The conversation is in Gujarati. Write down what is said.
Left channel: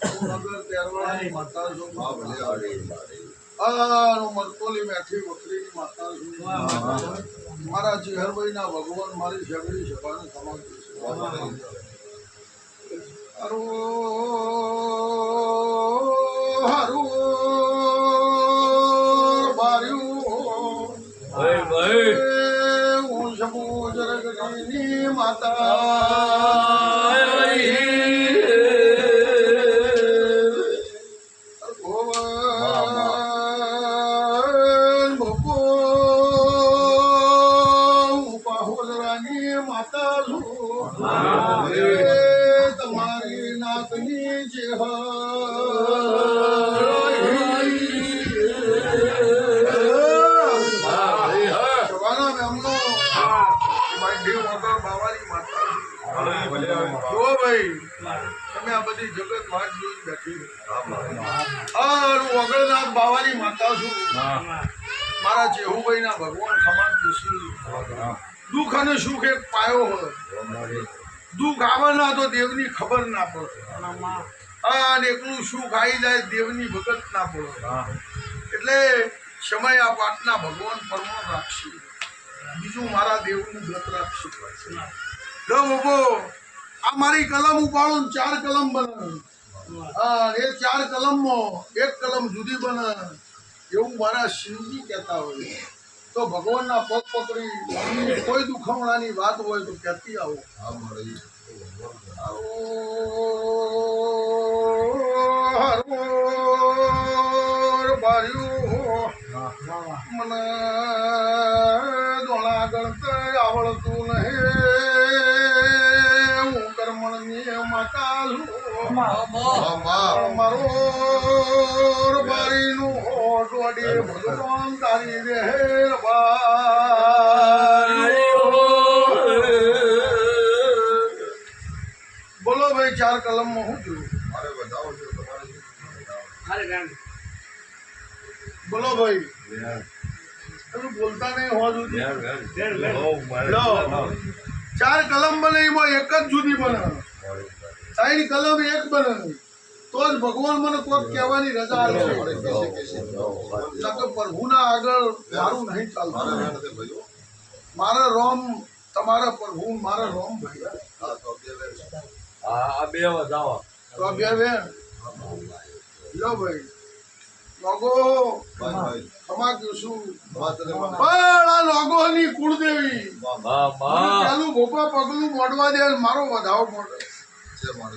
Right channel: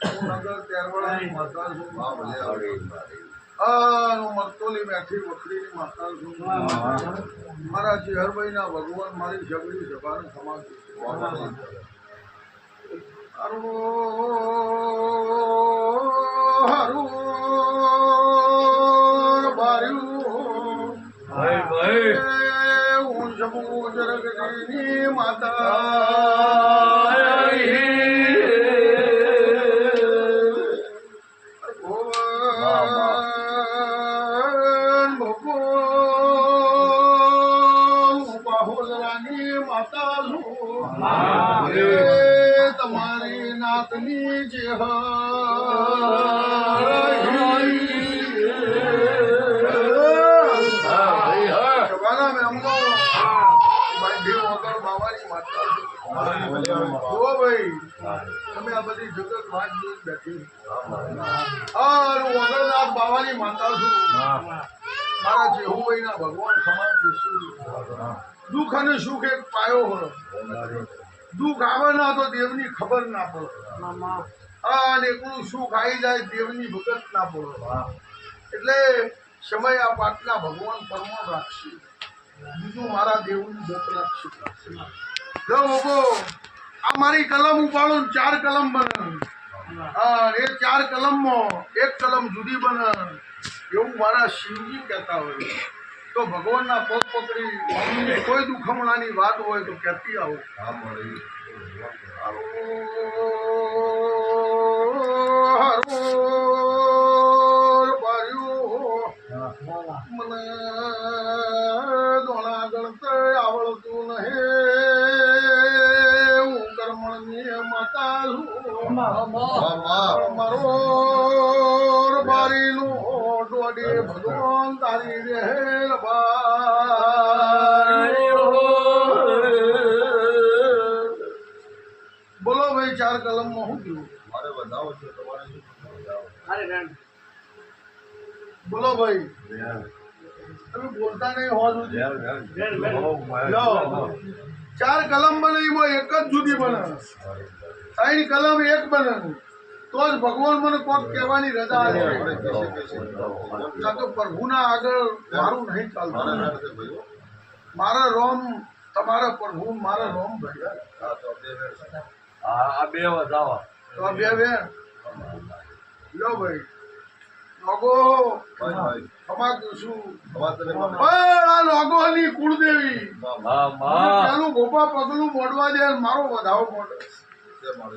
નગર તેરવાળાની માતા છું. હા ભલે આવડે. હું મરતોલી મેથી વખરીની માતા છું. મારા ચેહરભાઈના ભગવાન મારી સગડી સભાને સમાન છે. હારું બાર્યું હું શબુ જરગની માતા માતા છું. તમારી નાકની જે સવાના મેમનો બાંધી વગર બાવાની માતા છું. જુઓ ભાઈ તમે આ બધી જગત વાત જોઈ બેઠી. વગરનાથ બાવાની માતા છું. મારા જેહુભાઈ ના ભગવાન ખમાન દુસરી દુઃખ અને સુખ એક પાયો હોય. દુઃખ આવે ના તો દેવની ખબર ના પડે અને એકલું સુખ આવી જાય દેવની ભગત ના પડે. એટલે સમય આ પાટના ભગવાન પરમાણ રાખશે. બીજું મારા દેવનું દત્ત રાખશે. લો બાબો આ મારી કલમ ઉપાડું 4 કલમ બને. એ 4 કલમમાં એક કલમ જુદી બને એવું મારા શિવજી કહેતા હોય. તો ભગવાનના પગ પકડી કોઈ દુખમણાની વાત હોય તો કહેતી આવો. મને દોણા ગણતર આવડતું નહીં. હું કર્મણની માતા છું. મારો બારીનું ઓટવાડી ભગવાન તારી રહેર બોલો ભાઈ 4 કલમમાં હું છું. મારે વધાવો છે તમારે શું? બોલો ભાઈ તમે બોલતા નહીં હોવા સુધી. 4 કલમ બને એમાં એક જ જુદી બને. 3 કલમ એક બને તો જ ભગવાન મને કોક કહેવાની રજા છે. પ્રભુના આગળ મારું નહીં ચાલતું. મારા રોમ તમારા પ્રભુ મારા રોમ ભાઈ. આ બે વધાવો તો આ બે બેન લો ભાઈ લોગો ખમા કશું પણ આ લોગોની કુળદેવી પેલું ગોપા પગલું મોડવા દે મારો વધાવો મોડે.